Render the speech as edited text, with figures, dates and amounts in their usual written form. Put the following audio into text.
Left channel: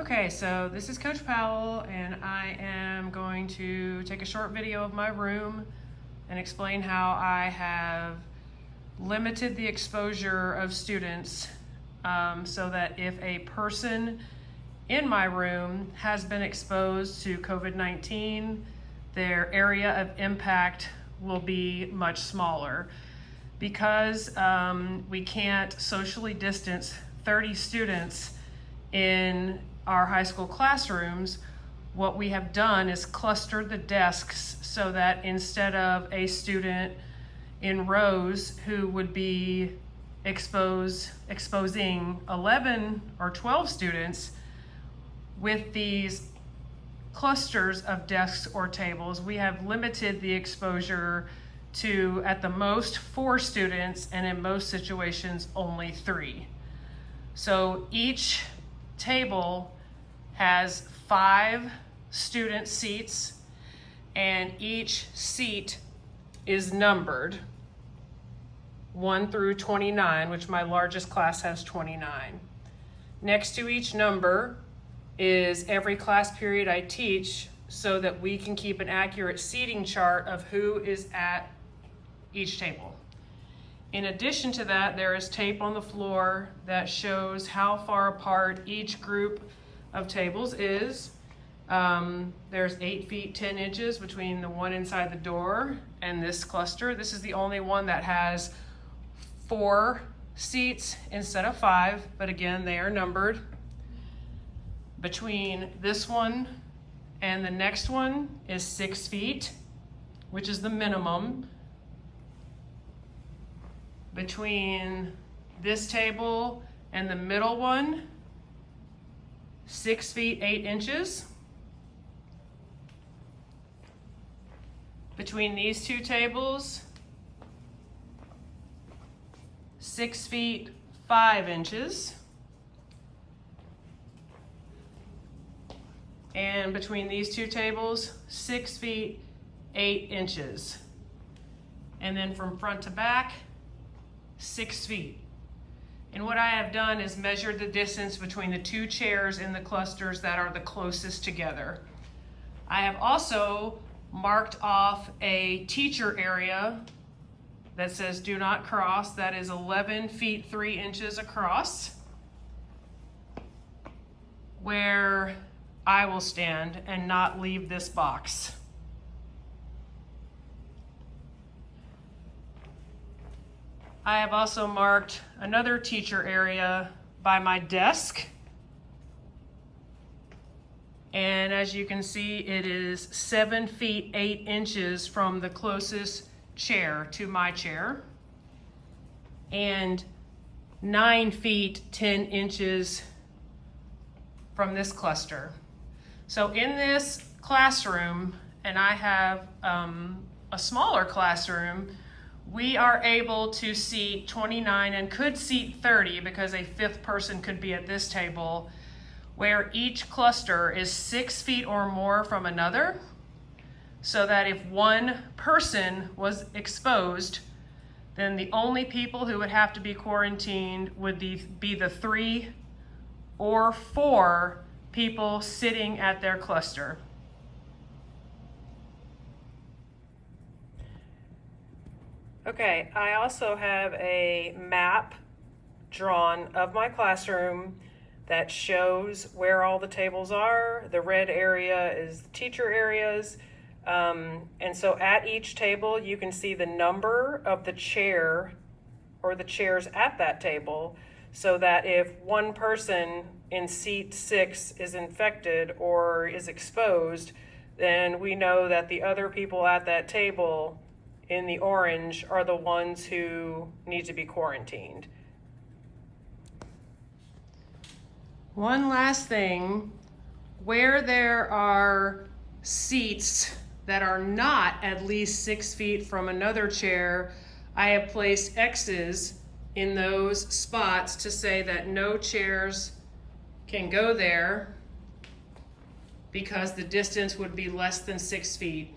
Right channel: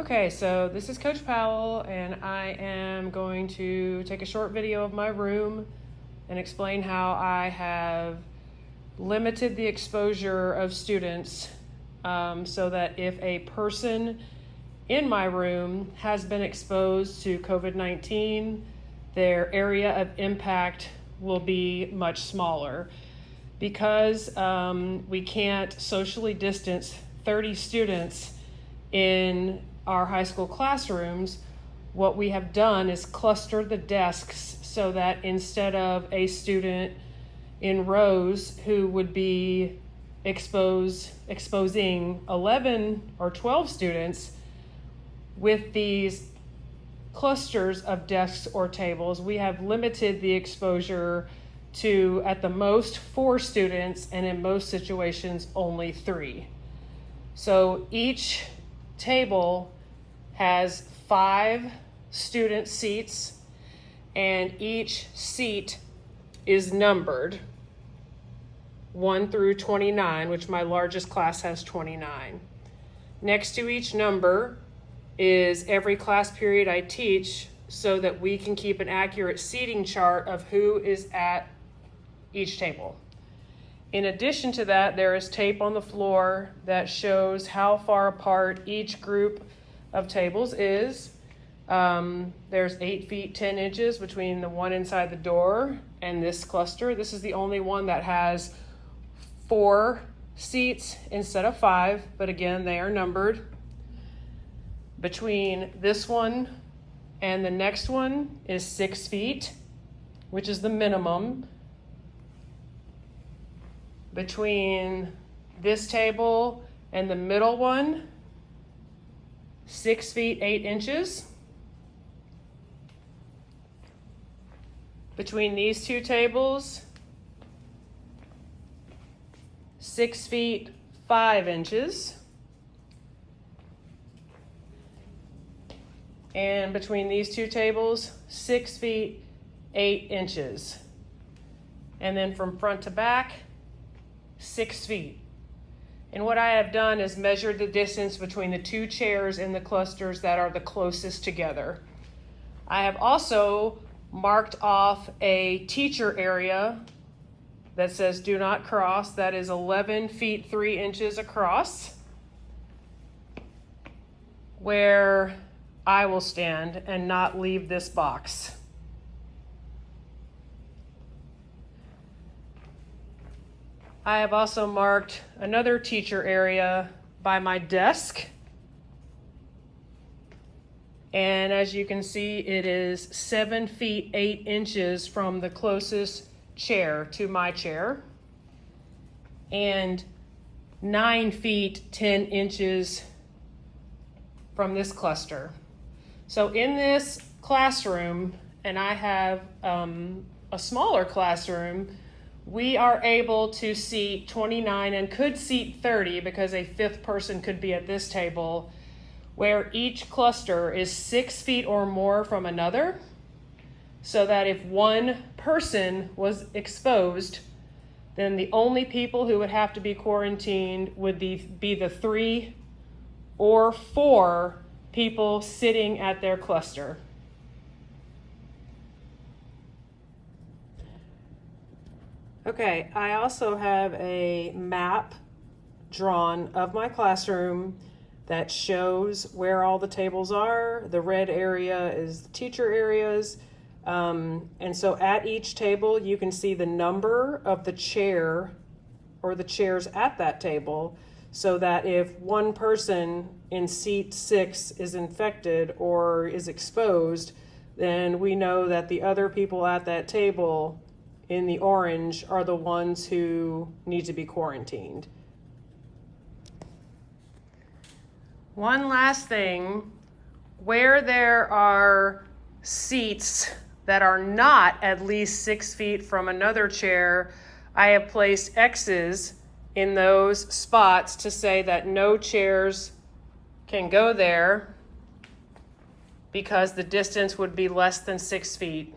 Okay, so this is Coach Powell, and I am going to take a short video of my room and explain how I have limited the exposure of students so that if a person in my room has been exposed to COVID-19, their area of impact will be much smaller. Because we can't socially distance 30 students in our high school classrooms, what we have done is cluster the desks so that instead of a student in rows who would be exposing 11 or 12 students, with these clusters of desks or tables, we have limited the exposure to at the most 4 students, and in most situations only 3. So each table has 5 student seats, and each seat is numbered 1 through 29, which my largest class has 29. Next to each number is every class period I teach, so that we can keep an accurate seating chart of who is at each table. In addition to that, there is tape on the floor that shows how far apart each group of tables is. There's 8 feet 10 inches between the one inside the door and this cluster. This is the only one that has 4 seats instead of 5, but again, they are numbered. Between this one and the next one is 6 feet, which is the minimum. Between this table and the middle one, 6 feet 8 inches. Between these 2 tables, 6 feet 5 inches. And between these 2 tables, 6 feet 8 inches. And then from front to back, 6 feet. And what I have done is measured the distance between the 2 chairs in the clusters that are the closest together. I have also marked off a teacher area that says do not cross. That is 11 feet 3 inches across, where I will stand and not leave this box. I have also marked another teacher area by my desk. And as you can see, it is 7 feet 8 inches from the closest chair to my chair, and 9 feet 10 inches from this cluster. So in this classroom, and I have a smaller classroom, we are able to seat 29 and could seat 30 because a 5th person could be at this table, where each cluster is 6 feet or more from another, so that if one person was exposed, then the only people who would have to be quarantined would be the 3 or 4 people sitting at their cluster. Okay, I also have a map drawn of my classroom that shows where all the tables are. The red area is the teacher areas. And so at each table, you can see the number of the chair or the chairs at that table, so that if one person in seat 6 is infected or is exposed, then we know that the other people at that table in the orange are the ones who need to be quarantined. One last thing, where there are seats that are not at least 6 feet from another chair, I have placed X's in those spots to say that no chairs can go there because the distance would be less than 6 feet.